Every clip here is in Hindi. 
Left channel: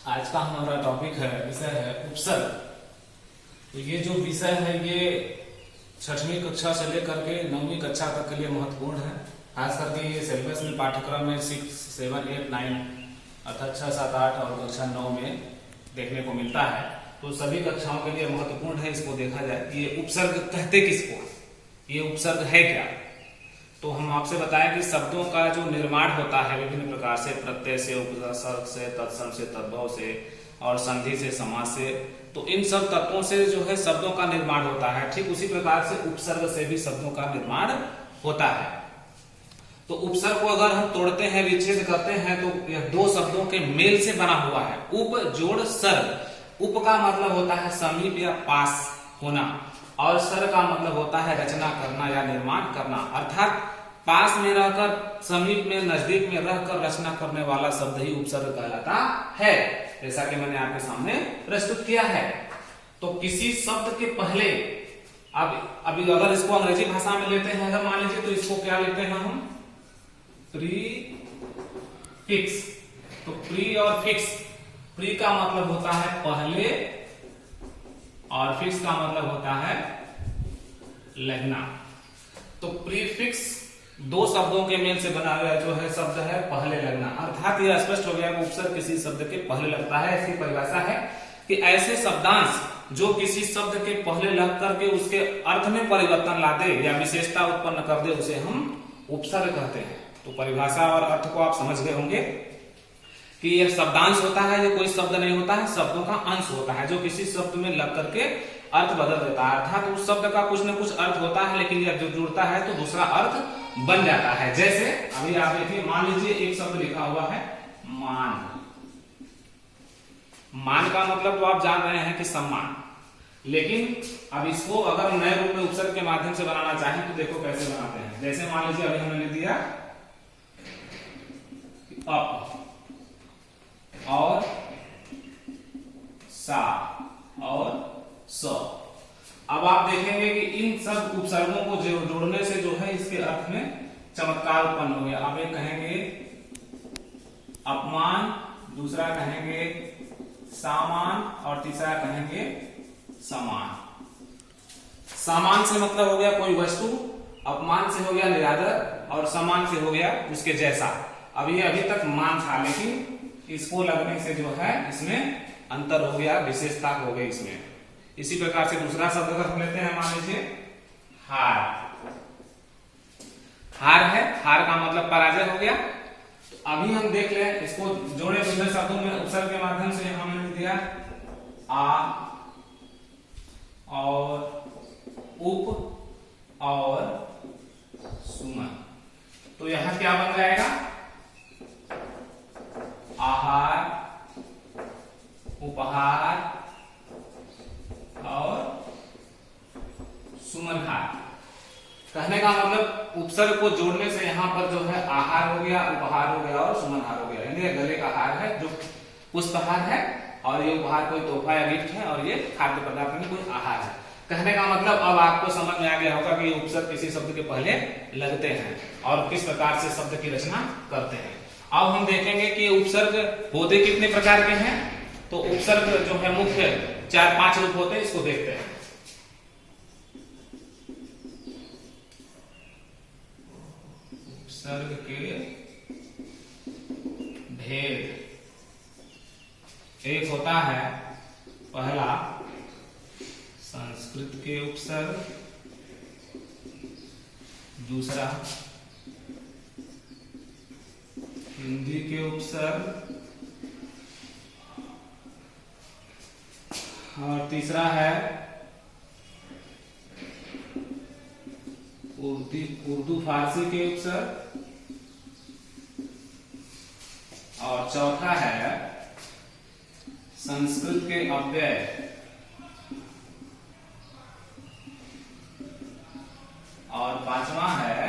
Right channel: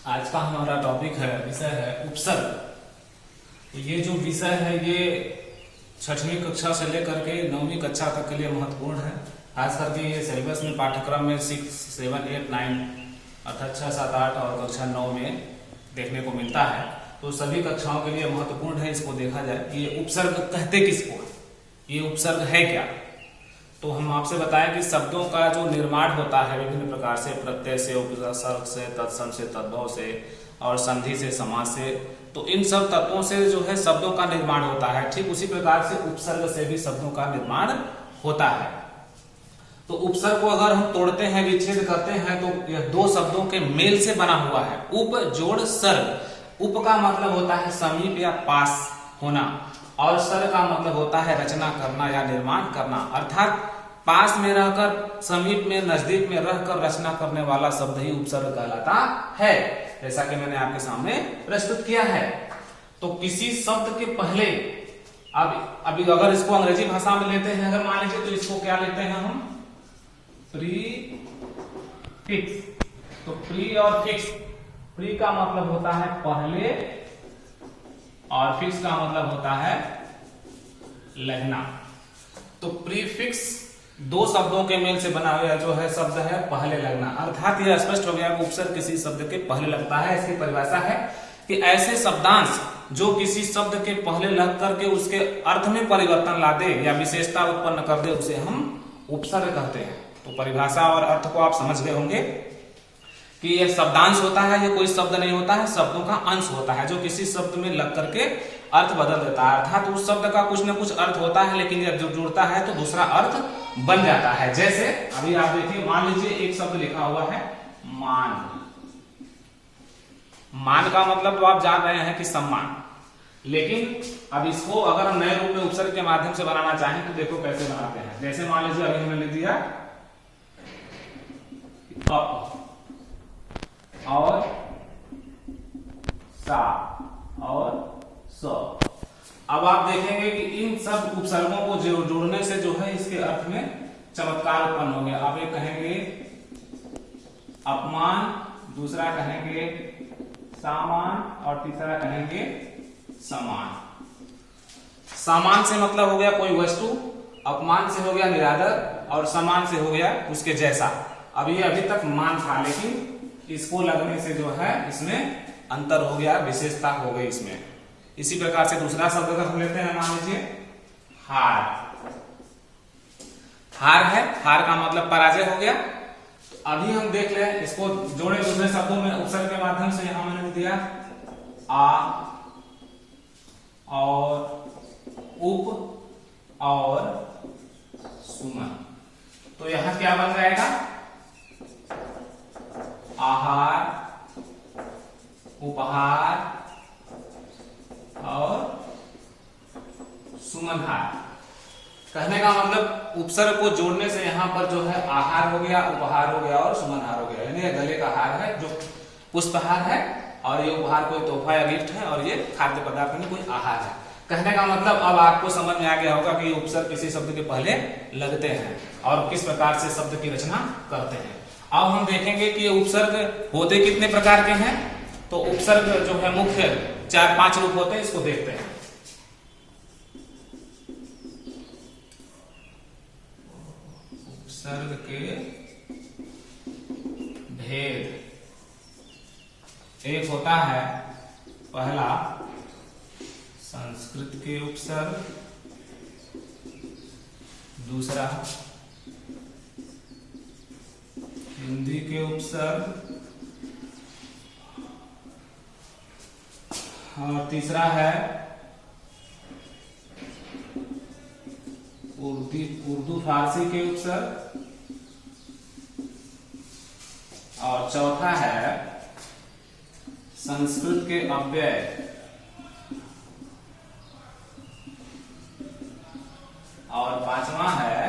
आज का हमारा टॉपिक है, विषय है उपसर्ग। तो ये जो विषय है ये 6वीं कक्षा से लेकर के 9वीं कक्षा तक के लिए महत्वपूर्ण है। खास करके ये सिलेबस में पाठ्यक्रम में 6, 7, 8, 9 अर्थात 6, 7, 8 और कक्षा 9 में देखने को मिलता है। तो सभी कक्षाओं के लिए महत्वपूर्ण है इसको देखा जाए कि ये उपसर्ग कहते किसको, ये उपसर्ग है क्या। तो हम आपसे बताएं कि शब्दों का जो निर्माण होता है विभिन्न प्रकार से, प्रत्यय से, उपसर्ग से, तत्सम से, तद्भव से और संधि से, समास से, तो इन सब तत्वों से जो है शब्दों का निर्माण होता है। ठीक उसी प्रकार से उपसर्ग से भी शब्दों का निर्माण होता है। तो उपसर्ग को अगर हम तोड़ते हैं, विच्छेद करते हैं, तो यह दो शब्दों के मेल से बना हुआ है। उप जोड़ सर्ग। उप का मतलब होता है समीप या पास होना और सर्ग का मतलब होता है रचना करना या निर्माण करना, अर्थात पास में रहकर, समीप में, नजदीक में रहकर रचना करने वाला शब्द ही उपसर्ग कहलाता है, जैसा कि मैंने आपके सामने प्रस्तुत किया है। तो किसी शब्द के पहले, अब अभी अगर इसको अंग्रेजी भाषा में लेते हैं, अगर मान लीजिए, तो इसको क्या लेते हैं हम, प्रीफिक्स। तो प्री और फिक्स, प्री का मतलब होता है पहले और फिक्स का मतलब होता है लगना। तो प्रीफिक्स दो शब्दों के मेल से बना हुआ जो है शब्द है पहले लगना, अर्थात यह स्पष्ट हो गया कि उपसर्ग किसी शब्द के पहले लगता है। इसकी परिभाषा है कि ऐसे शब्दांश जो किसी शब्द के पहले लग करके उसके अर्थ में परिवर्तन ला दे या विशेषता उत्पन्न कर दे, उसे हम उपसर्ग कहते हैं। तो परिभाषा और अर्थ को आप समझ गए होंगे कि यह शब्दांश होता है, यह कोई शब्द नहीं होता है, शब्दों का अंश होता है जो किसी शब्द में लग करके अर्थ बदल देता है। अर्थात उस शब्द का कुछ न कुछ अर्थ होता है, लेकिन जब जो जुड़ता है तो दूसरा अर्थ बन जाता है। जैसे अभी आप देखिए, मान लीजिए एक शब्द लिखा हुआ है मान। मान का मतलब तो आप जान रहे हैं कि सम्मान, लेकिन अब इसको अगर हम नए रूप में उपसर्ग के माध्यम से बनाना चाहें तो देखो कैसे बनाते हैं। जैसे मान लीजिए अभी हमने लिख दिया अप और सा और स। अब आप देखेंगे कि इन सब उपसर्गों को जोड़ने से जो है इसके अर्थ में चमत्कार उत्पन्न हो गया। अब एक कहेंगे अपमान, दूसरा कहेंगे सामान और तीसरा कहेंगे समान। सामान से मतलब हो गया कोई वस्तु, अपमान से हो गया निरादर और समान से हो गया उसके जैसा। अब ये अभी तक मान था, लेकिन इसको लगने से जो है इसमें अंतर हो गया, विशेषता हो गई इसमें। इसी प्रकार से दूसरा शब्द अगर हम लेते हैं, मान लीजिए हार। हार है, हार का मतलब पराजय हो गया। तो अभी हम देख लें, इसको जोड़े दूसरे शब्दों में उपसर्ग के माध्यम से। यहां मैंने दिया आ और उप और सुमन। तो यहां क्या बन जाएगा, आहार, उपहार और सुमनहार। कहने का मतलब उपसर्ग को जोड़ने से यहां पर जो है आहार हो गया, उपहार हो गया और सुमनहार हो गया। यानी गले का हार है जो पुष्पहार है, और ये उपहार कोई तोहफा या गिफ्ट है, और ये खाद्य पदार्थ में कोई आहार है। कहने का मतलब अब आपको समझ में आ गया होगा कि उपसर्ग किसी शब्द के पहले लगते हैं और किस प्रकार से शब्द की रचना करते हैं। अब हम देखेंगे कि उपसर्ग होते कितने प्रकार के हैं। तो उपसर्ग जो है मुख्य 4-5 रूप होते हैं, इसको देखते हैं। उपसर्ग के भेद, एक होता है पहला संस्कृत के उपसर्ग, दूसरा हिंदी के उपसर्ग, और तीसरा है उर्दू फारसी के उपसर्ग, और चौथा है संस्कृत के अव्यय, और पांचवा है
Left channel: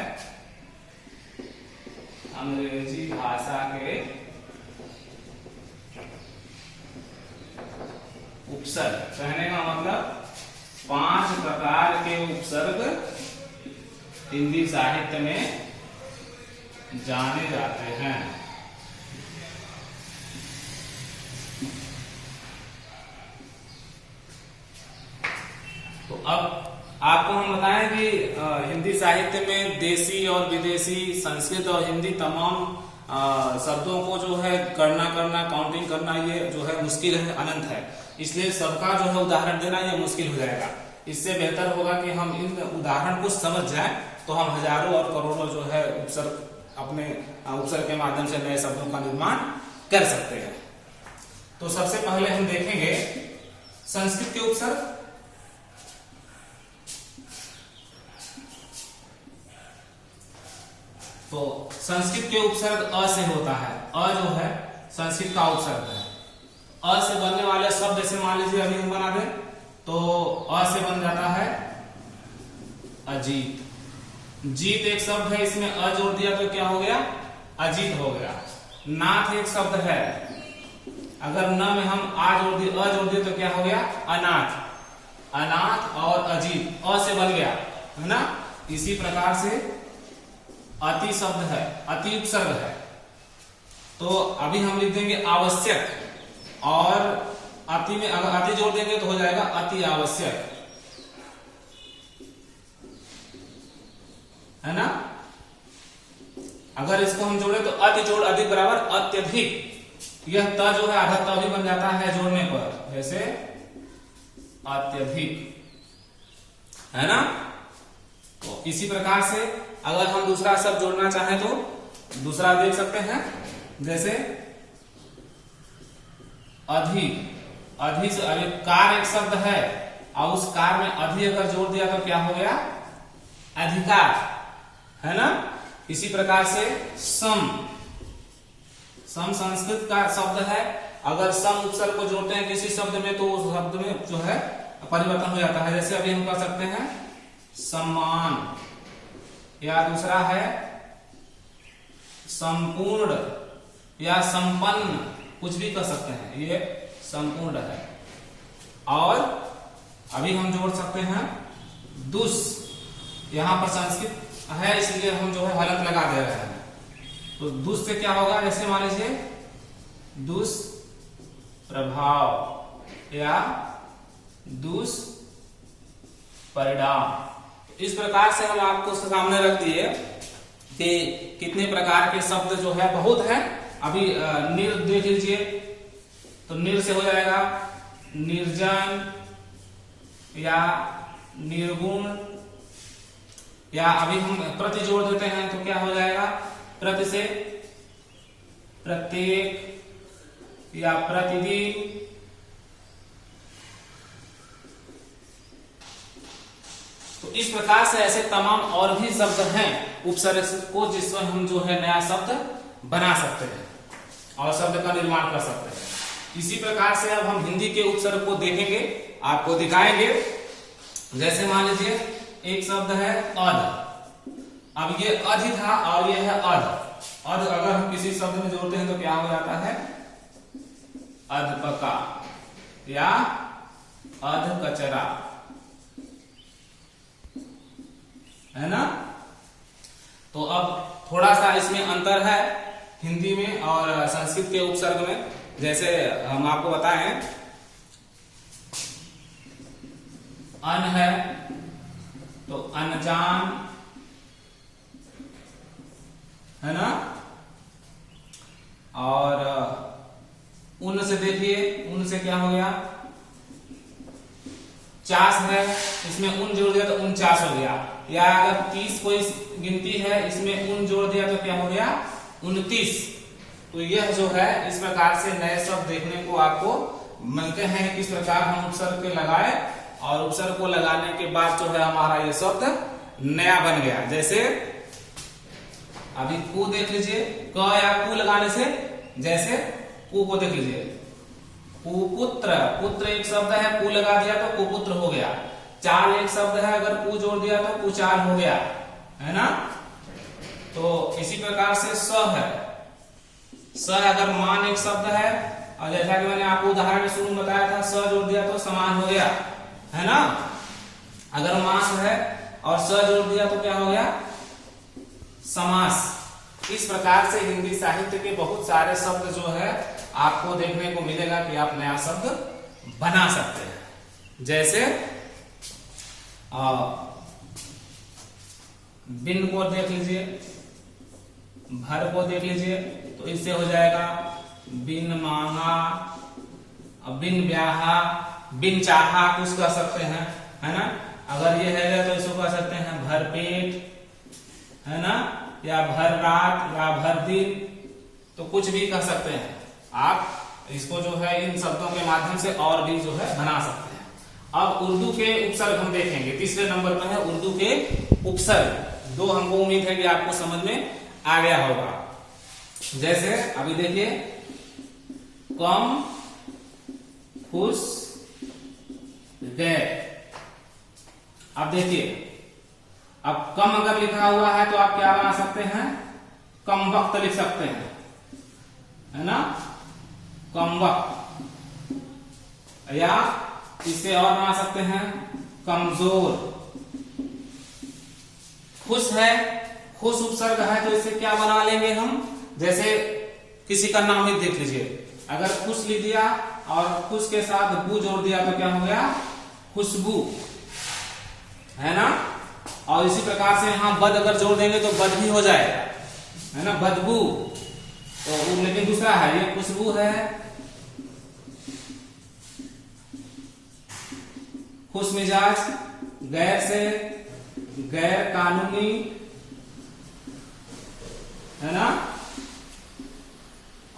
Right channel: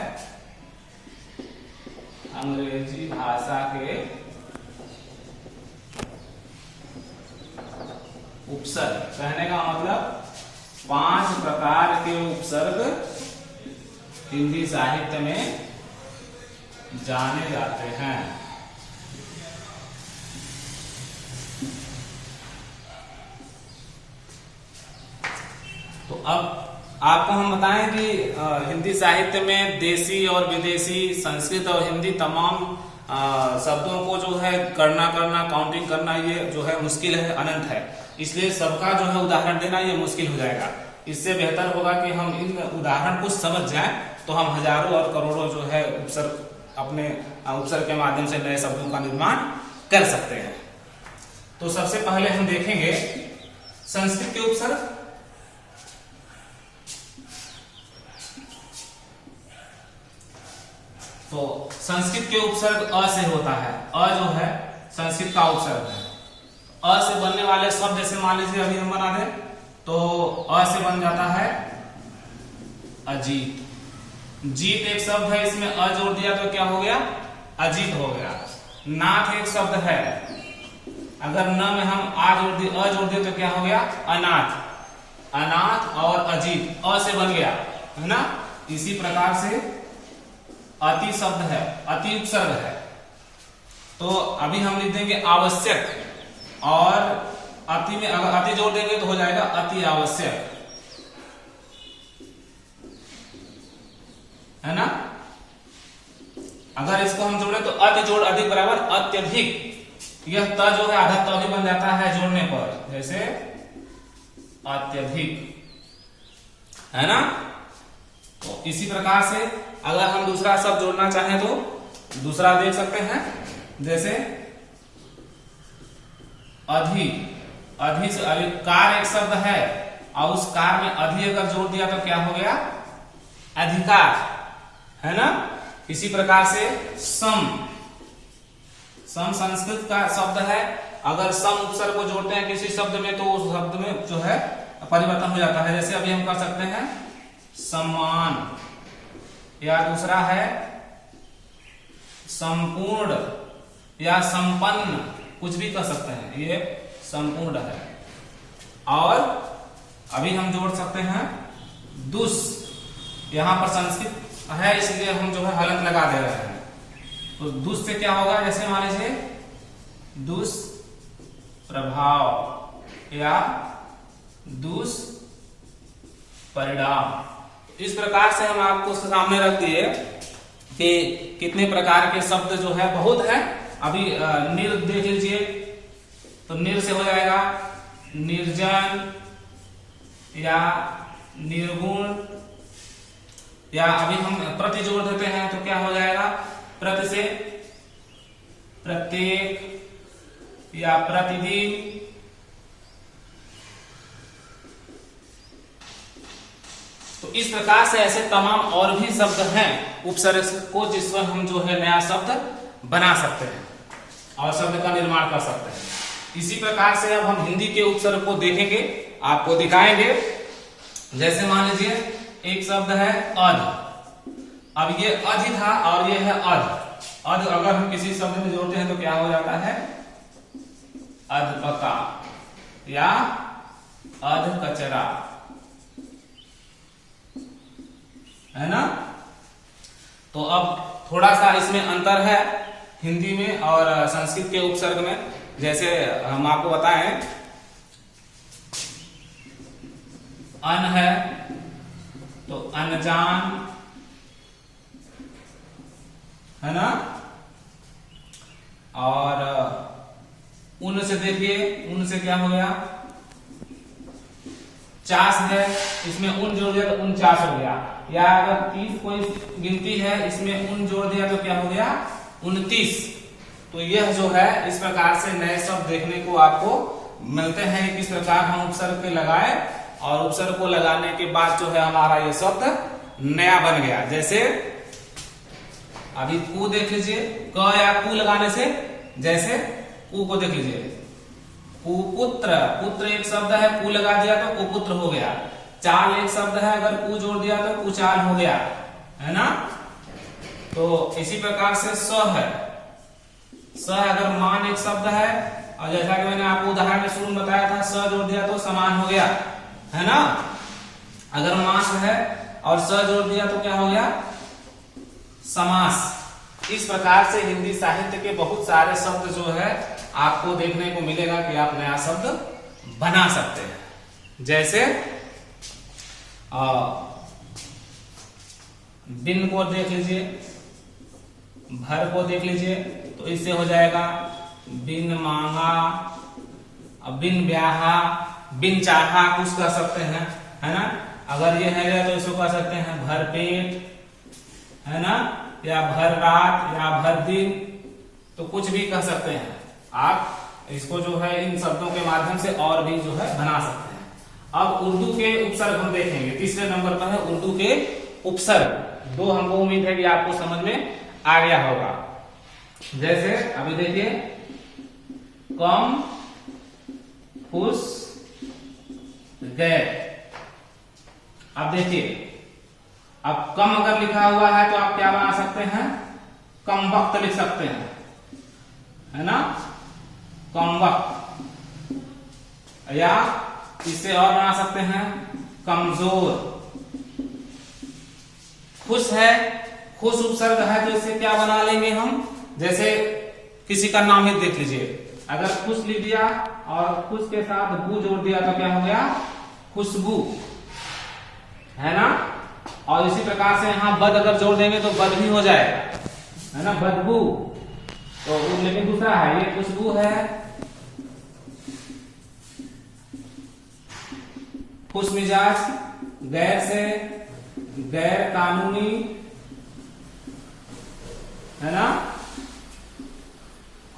अंग्रेजी भाषा के उपसर्ग। कहने का मतलब 5 प्रकार के उपसर्ग हिंदी साहित्य में जाने जाते हैं। अब आपको हम बताएं कि हिंदी साहित्य में देसी और विदेशी, संस्कृत और हिंदी तमाम शब्दों को जो है गणना करना, काउंटिंग करना, ये जो है मुश्किल है, अनंत है। इसलिए सबका जो है उदाहरण देना ये मुश्किल हो जाएगा। इससे बेहतर होगा कि हम इन उदाहरण को समझ जाएं, तो हम हजारों और करोड़ों जो है उपसर्ग, अपने उपसर्ग के माध्यम से नए शब्दों का निर्माण कर सकते हैं। तो सबसे पहले हम देखेंगे संस्कृत के उपसर्ग। तो संस्कृत के उपसर्ग अ से होता है। अ जो है संस्कृत का उपसर्ग है। अ से बनने वाले शब्द, जैसे मान लीजिए अभी हम बना दें, तो अ से बन जाता है अजीत। जीत एक शब्द है, इसमें अ जोड़ दिया तो क्या हो गया? अजीत हो गया। नाथ एक शब्द है, अगर न में हम अ जोड़ दिए तो क्या हो गया? अनाथ। अनाथ और अजीत अ से बन गया, है ना। इसी प्रकार से अति शब्द है, अति उपसर्ग है, तो अभी हम लिख देंगे आवश्यक, और अति में अगर अति जोड़ देंगे तो हो जाएगा अति आवश्यक, है ना। अगर इसको हम जोड़े तो अति जोड़ अधिक बराबर अत्यधिक। यह त जो है आधा त भी बन जाता है जोड़ने पर, जैसे अत्यधिक, है ना। तो इसी प्रकार से अगर हम दूसरा शब्द जोड़ना चाहें तो दूसरा देख सकते हैं, जैसे अधिक। अधिक से अभी कार एक शब्द है, और उस कार में अधि अगर जोड़ दिया तो क्या हो गया? अधिकार, है ना। इसी प्रकार से सम। सम संस्कृत का शब्द है, अगर सम उपसर्ग को जोड़ते हैं किसी शब्द में तो उस शब्द में जो है परिवर्तन हो जाता है। जैसे अभी हम कर सकते हैं सम्मान, या दूसरा है संपूर्ण या संपन्न, कुछ भी कर सकते हैं, ये संपूर्ण है। और अभी हम जोड़ सकते हैं दुष्। यहां पर संस्कृत है इसलिए हम जो है हलंत लगा दे रहे हैं, तो दुष् से क्या होगा? जैसे मान लीजिए दुष्प्रभाव या दुष्परिणाम। इस प्रकार से हम आपको सामने रख दिए कि कितने प्रकार के शब्द जो है, बहुत है। अभी निर देख लीजिए, तो निर से हो जाएगा निर्जन या निर्गुण, या अभी हम प्रति जोड़ देते हैं तो क्या हो जाएगा? प्रति से प्रत्येक या प्रतिदिन। तो इस प्रकार से ऐसे तमाम और भी शब्द हैं उपसर्ग को, जिसमें हम जो है नया शब्द बना सकते हैं और शब्द का निर्माण कर सकते हैं। इसी प्रकार से अब हम हिंदी के उपसर्ग को देखेंगे, आपको दिखाएंगे। जैसे मान लीजिए एक शब्द है अध। अब ये अध था और ये है अध। अध अगर हम किसी शब्द में जोड़ते हैं तो क्या हो जाता है? अधपका या अध कचरा, है ना। तो अब थोड़ा सा इसमें अंतर है हिंदी में और संस्कृत के उपसर्ग में। जैसे हम आपको बताएं, अन है तो अनजान, है ना। और उन से देखिए, उन से क्या हो गया? चास है, इसमें उन जोड़ दिया तो 49 हो गया। या अगर 30 कोई गिनती है, इसमें उन जोड़ दिया तो क्या हो गया? 29। तो यह जो है इस प्रकार से नए शब्द देखने को आपको मिलते हैं, किस प्रकार हम उपसर्ग पे लगाए, और उपसर्ग को लगाने के बाद जो है हमारा ये शब्द नया बन गया। जैसे अभी कु देख लीजिए, क या कु लगाने से, जैसे कु को देख लीजिए, कुपुत्र। पुत्र एक शब्द है, कु लगा दिया तो कुपुत्र हो गया। चाल एक शब्द है, अगर कु जोड़ दिया तो कुचाल हो गया, है ना। तो इसी प्रकार से स है, स अगर मान एक शब्द है, और जैसा कि मैंने आपको उदाहरण में शुरू में बताया था, स जोड़ दिया तो समान हो गया, है ना। अगर मास है और स जोड़ दिया तो क्या हो गया? समास। इस प्रकार से हिंदी साहित्य के बहुत सारे शब्द जो है आपको देखने को मिलेगा कि आप नया शब्द बना सकते हैं। जैसे बिन को देख लीजिए, भर को देख लीजिए, तो इससे हो जाएगा बिन मांगा, बिन ब्याहा, बिन चाहा कुछ कह सकते हैं, है ना। अगर ये है तो इसको कह सकते हैं भर पेट, है ना, या भर रात या भर दिन, तो कुछ भी कह सकते हैं आप। इसको जो है इन शब्दों के माध्यम से और भी जो है बना सकते हैं। अब उर्दू के उपसर्ग हम देखेंगे, तीसरे नंबर पर है उर्दू के उपसर्ग। दो हमको उम्मीद है कि आपको समझ में आ गया होगा। जैसे अभी देखिए, कम, खुश, गैर। अब देखिए, अब कम अगर लिखा हुआ है तो आप क्या बना सकते हैं, कम वक्त लिख सकते हैं, है ना, कम वक्त। या इससे और बना सकते हैं कमजोर। खुश है, खुश उपसर्ग है, तो इससे क्या बना लेंगे हम, जैसे किसी का नाम ही देख लीजिए, अगर खुश लिख दिया और खुश के साथ बू जोड़ दिया तो क्या हो गया, खुशबू, है ना। और इसी प्रकार से यहां बद अगर जोड़ देंगे तो बद भी हो जाएगा, है ना, बदबू। तो लेकिन दूसरा है, ये खुशबू है, खुश मिजाज, गैर से गैर कानूनी, है ना।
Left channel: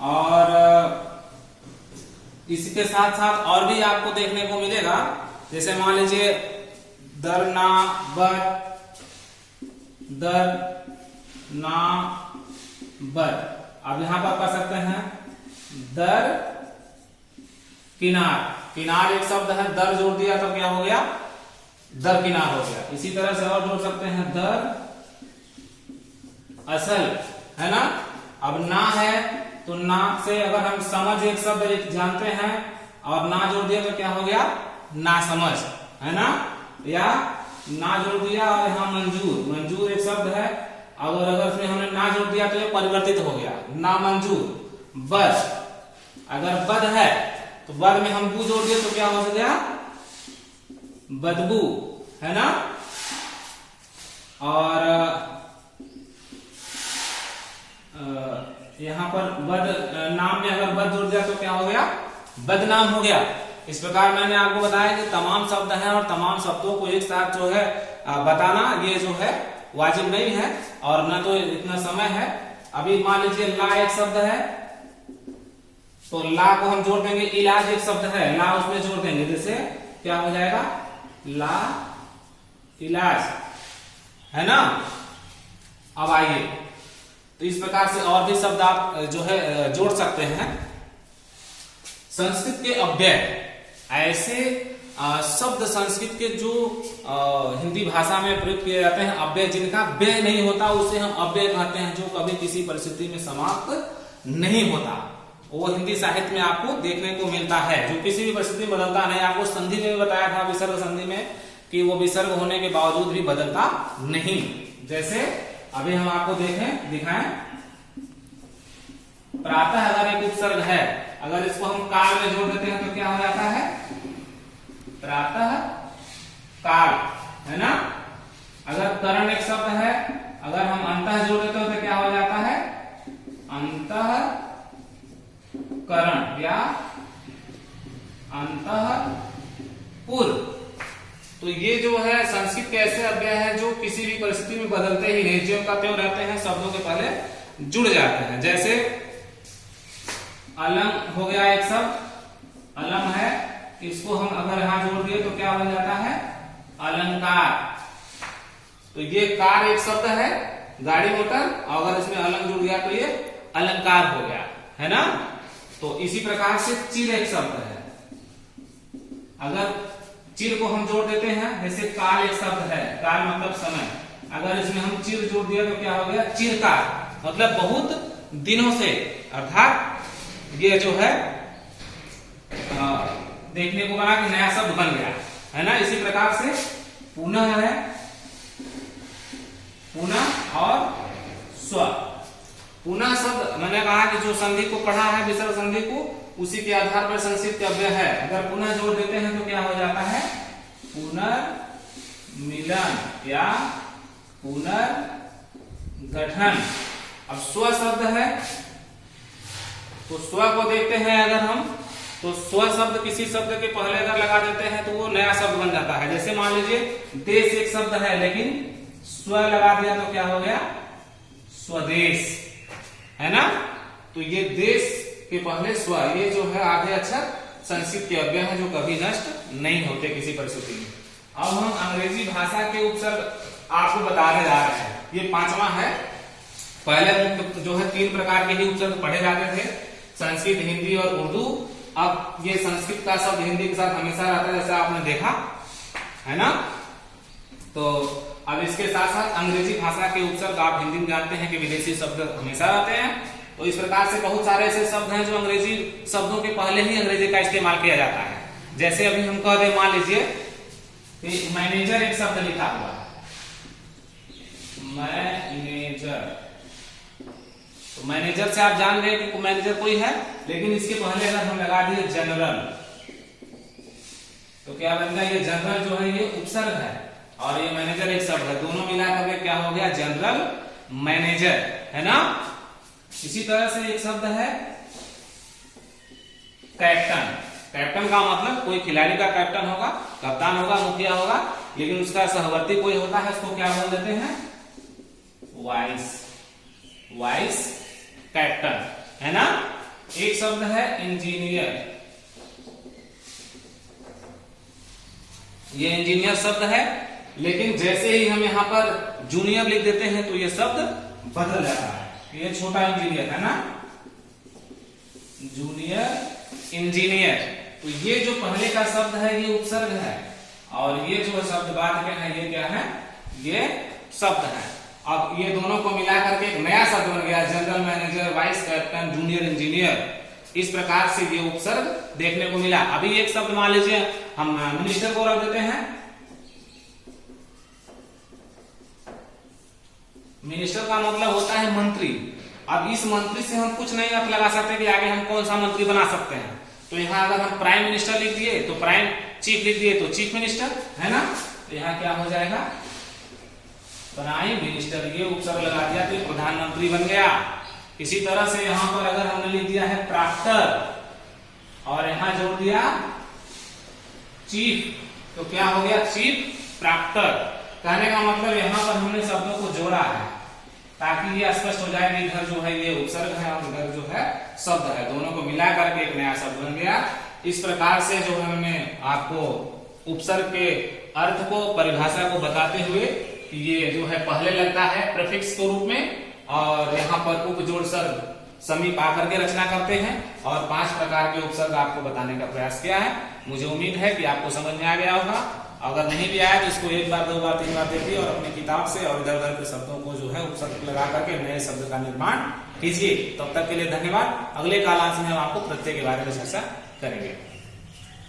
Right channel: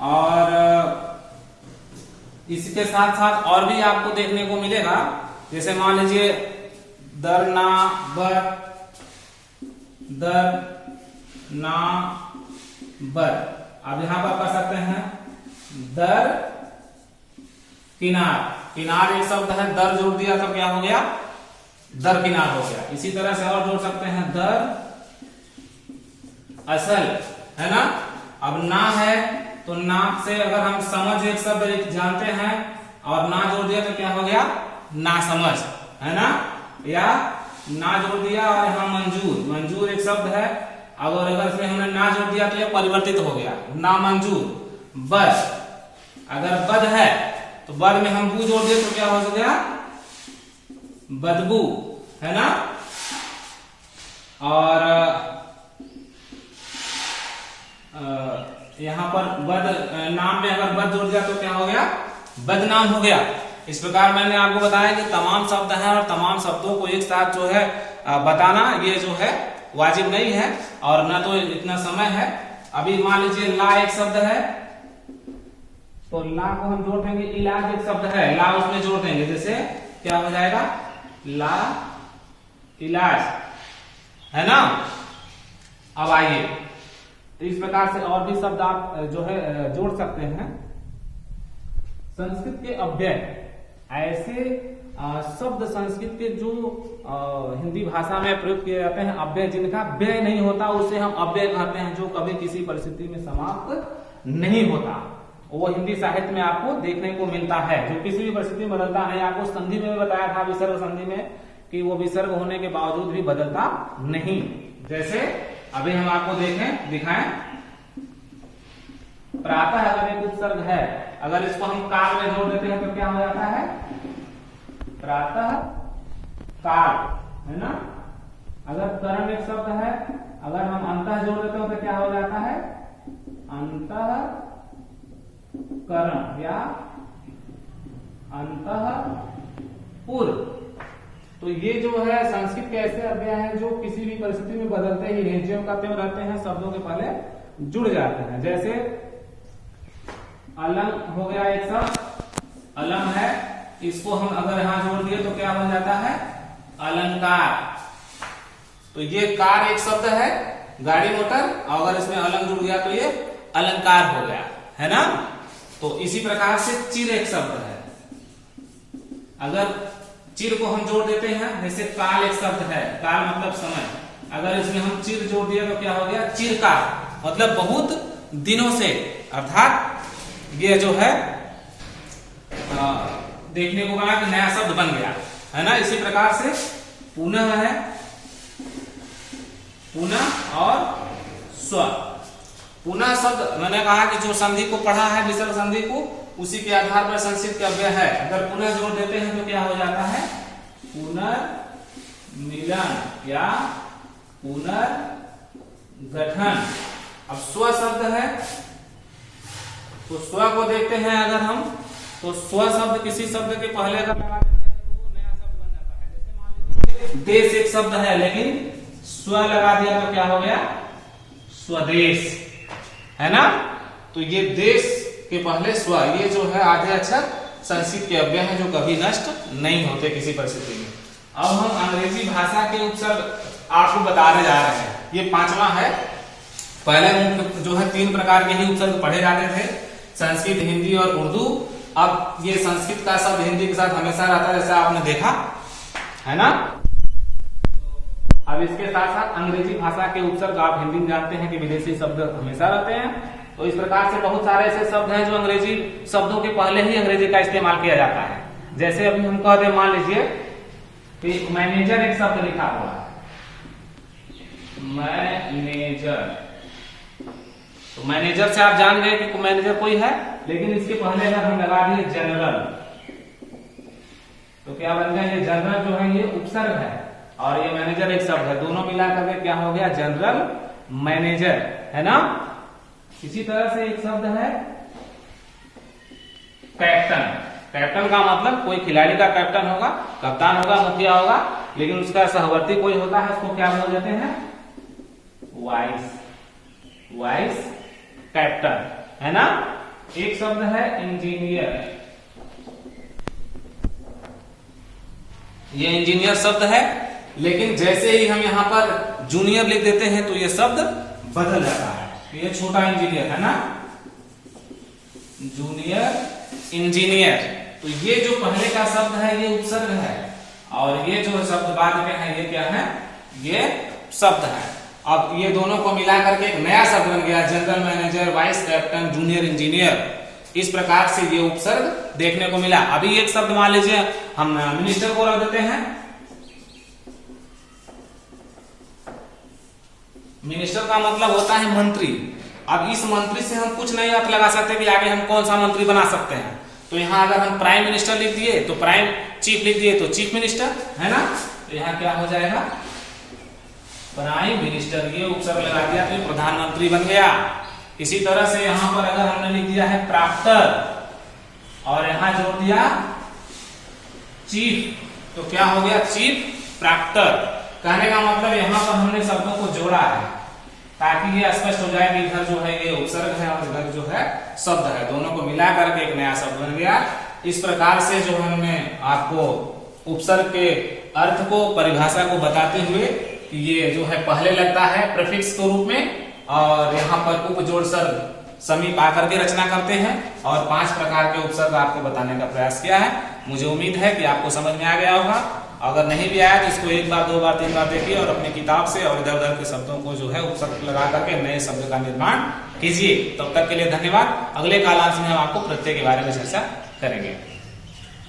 और इसके साथ साथ और भी आपको देखने को मिलेगा, जैसे मान लीजिए दर ना बर, दर ना बर। अब यहां पर कर सकते हैं दर किनार। किनार एक शब्द है, दर जोड़ दिया तो क्या हो गया, दर किनार हो गया। इसी तरह से और जोड़ सकते हैं दर असल, है ना। अब ना है तो ना से अगर हम समझ एक शब्द जानते हैं और ना जोड़ दिया तो क्या हो गया, ना समझ, है ना। या ना जोड़ दिया और यहां मंजूर, मंजूर एक शब्द है, और अगर इसमें हमने ना जोड़ दिया तो यह परिवर्तित हो गया, ना मंजूर। बद, अगर बद है तो बद में हम बू जोड़ दिए तो क्या हो गया, बदबू, है ना। और यहां पर बद, नाम में अगर बद जोड़ दिया तो क्या हो गया, बदनाम हो गया। इस प्रकार मैंने आपको बताया कि तमाम शब्द हैं और तमाम शब्दों को एक साथ जो है बताना ये जो है वाजिब नहीं है, और ना तो इतना समय है। अभी मान लीजिए ला एक शब्द है, तो ला को हम जोड़ देंगे, इलाज एक शब्द है, ला उसमें जोड़ देंगे, जैसे क्या हो जाएगा, ला इलाज, है ना। अब आइए, तो इस प्रकार से और भी शब्द आप जो है जोड़ सकते हैं। संस्कृत के अव्यय, ऐसे शब्द संस्कृत के जो हिंदी भाषा में प्रयुक्त किए जाते हैं, अव्यय जिनका व्यय नहीं होता उसे हम अव्यय कहते हैं, जो कभी किसी परिस्थिति में समाप्त नहीं होता। वो हिंदी साहित्य में आपको देखने को मिलता है, जो किसी भी परिस्थिति में बदलता नहीं। आपको संधि में बताया था, विसर्ग संधि में, कि वो विसर्ग होने के बावजूद भी बदलता नहीं। जैसे अभी हम आपको दिखाएं, प्रातः अगर एक उपसर्ग है, अगर इसको हम काल में जोड़ देते हैं तो क्या हो जाता है, प्रातः काल, है ना। अगर करण एक शब्द है, अगर हम अंतः जोड़ देते हैं तो क्या हो जाता है, अंतः करण या अंतः पूर्व। तो ये जो है संस्कृत के ऐसे अव्यय हैं जो किसी भी परिस्थिति में बदलते ही नहीं, ज्यों का त्यों रहते हैं, शब्दों के पहले जुड़ जाते हैं। जैसे अलंग हो गया एक शब्द, अलंग है, इसको हम अगर यहां जोड़ दिए तो क्या बन जाता है, अलंकार। तो ये कार एक शब्द है, गाड़ी मोटर, अगर इसमें अलंग जुड़ गया तो ये अलंकार हो गया, है ना। तो इसी प्रकार से चिर एक शब्द है, अगर चिर को हम जोड़ देते हैं, जैसे काल एक शब्द है, काल मतलब समय, अगर इसमें हम चिर जोड़ दिया तो क्या हो गया, चिरकाल, मतलब बहुत दिनों से, अर्थात ये जो है देखने को मिला कि नया शब्द बन गया, है ना। इसी प्रकार से पुनः है, पुनः और स्व। पुनः शब्द मैंने कहा कि जो संधि को पढ़ा है, विसर्ग संधि को, उसी के आधार पर संस्कृत के अव्यय है। अगर पुनः जोड़ देते हैं तो क्या हो जाता है, मिलन या पुनर्गठन। अब स्व शब्द है, तो स्व को देखते हैं अगर हम, तो स्व शब्द किसी शब्द के पहले अगर लगा देते हैं तो वो नया शब्द बन जाता है। जैसे मान लीजिए देश एक शब्द है, लेकिन स्व लगा दिया तो क्या हो गया, स्वदेश, है ना। तो ये देश के पहले स्व, ये जो है आधे अक्षर संस्कृत के अव्यय हैं जो कभी नष्ट नहीं होते किसी परिस्थिति में। अब हम अंग्रेजी भाषा के उपसर्ग आपको बताने जा रहे हैं। ये 5वां है। पहले जो है 3 प्रकार के ही उपसर्ग पढ़े जाते थे, संस्कृत, हिंदी और उर्दू। अब ये संस्कृत का शब्द हिंदी के साथ हमेशा रहता है, जैसा आपने देखा है ना। तो अब इसके साथ साथ अंग्रेजी भाषा के उपसर्ग आप हिंदी में जानते हैं कि विदेशी शब्द हमेशा रहते हैं। तो इस प्रकार से बहुत सारे ऐसे शब्द हैं जो अंग्रेजी शब्दों के पहले ही अंग्रेजी का इस्तेमाल किया जाता है। जैसे अभी हम कह दें, मान लीजिए मैनेजर एक शब्द लिखा हुआ है, मैनेजर। तो मैनेजर से आप जान गए कि मैनेजर कोई है, लेकिन इसके पहले अगर हम लगा दिए जनरल, तो क्या बन गया, ये जनरल जो है ये उपसर्ग है और ये मैनेजर एक शब्द है, दोनों मिलाकर के क्या हो गया, जनरल मैनेजर, है ना। इसी तरह से एक शब्द है कैप्टन। कैप्टन का मतलब कोई खिलाड़ी का कैप्टन होगा, कप्तान होगा, मुखिया होगा, लेकिन उसका सहवर्ती कोई होता है, उसको क्या बोल देते हैं, वाइस, वाइस कैप्टन, है ना। एक शब्द है इंजीनियर। ये इंजीनियर शब्द है, लेकिन जैसे ही हम यहां पर जूनियर लिख देते हैं तो ये शब्द बदल जाता है। ये छोटा इंजीनियर है ना, जूनियर इंजीनियर। तो ये जो पहले का शब्द है ये उपसर्ग है, और ये जो शब्द बाद में है ये क्या है, ये शब्द है। अब ये दोनों को मिला करके एक नया शब्द बन गया, general manager, vice captain, junior engineer. इस प्रकार से ये उपसर्ग देखने को मिला। अभी एक शब्द मान लीजिए हम मिनिस्टर को रख देते हैं। मिनिस्टर का मतलब होता है मंत्री। अब इस मंत्री से हम कुछ नहीं अर्थ लगा सकते कि आगे हम कौन सा मंत्री बना सकते हैं। तो यहाँ अगर हम प्राइम मिनिस्टर लिख दिए तो प्राइम, चीफ लिख दिए तो चीफ मिनिस्टर, है ना। तो यहाँ क्या हो जाएगा, प्राइम मिनिस्टर। ये उपसर्ग लगा दिया तो प्रधानमंत्री बन गया। इसी तरह से यहाँ पर अगर हमने लिख दिया है प्राप्तर और यहाँ जोड़ दिया चीफ, तो क्या हो गया, चीफ प्राप्तर। कहने का मतलब यहाँ पर हमने शब्दों को जोड़ा है ताकि ये स्पष्ट हो जाए कि इधर जो है ये उपसर्ग है और इधर जो है शब्द है, दोनों को मिला करके एक नया शब्द बन गया। इस प्रकार से जो हमने आपको उपसर्ग के अर्थ को, परिभाषा को बताते हुए, ये जो है पहले लगता है प्रीफिक्स के रूप में और यहाँ पर उपजोड़ सर्ग समीप आकर के रचना करते हैं, और 5 प्रकार के उपसर्ग आपको बताने का प्रयास किया है। मुझे उम्मीद है कि आपको समझ में आ गया होगा। अगर नहीं भी आया तो इसको 1 बार 2 बार 3 बार देखिए और अपनी किताब से और इधर उधर के शब्दों को जो है उपसर्ग लगा करके नए शब्द का निर्माण कीजिए। तब तक के लिए धन्यवाद। अगले कालांश में हम आपको प्रत्यय के बारे में चर्चा करेंगे।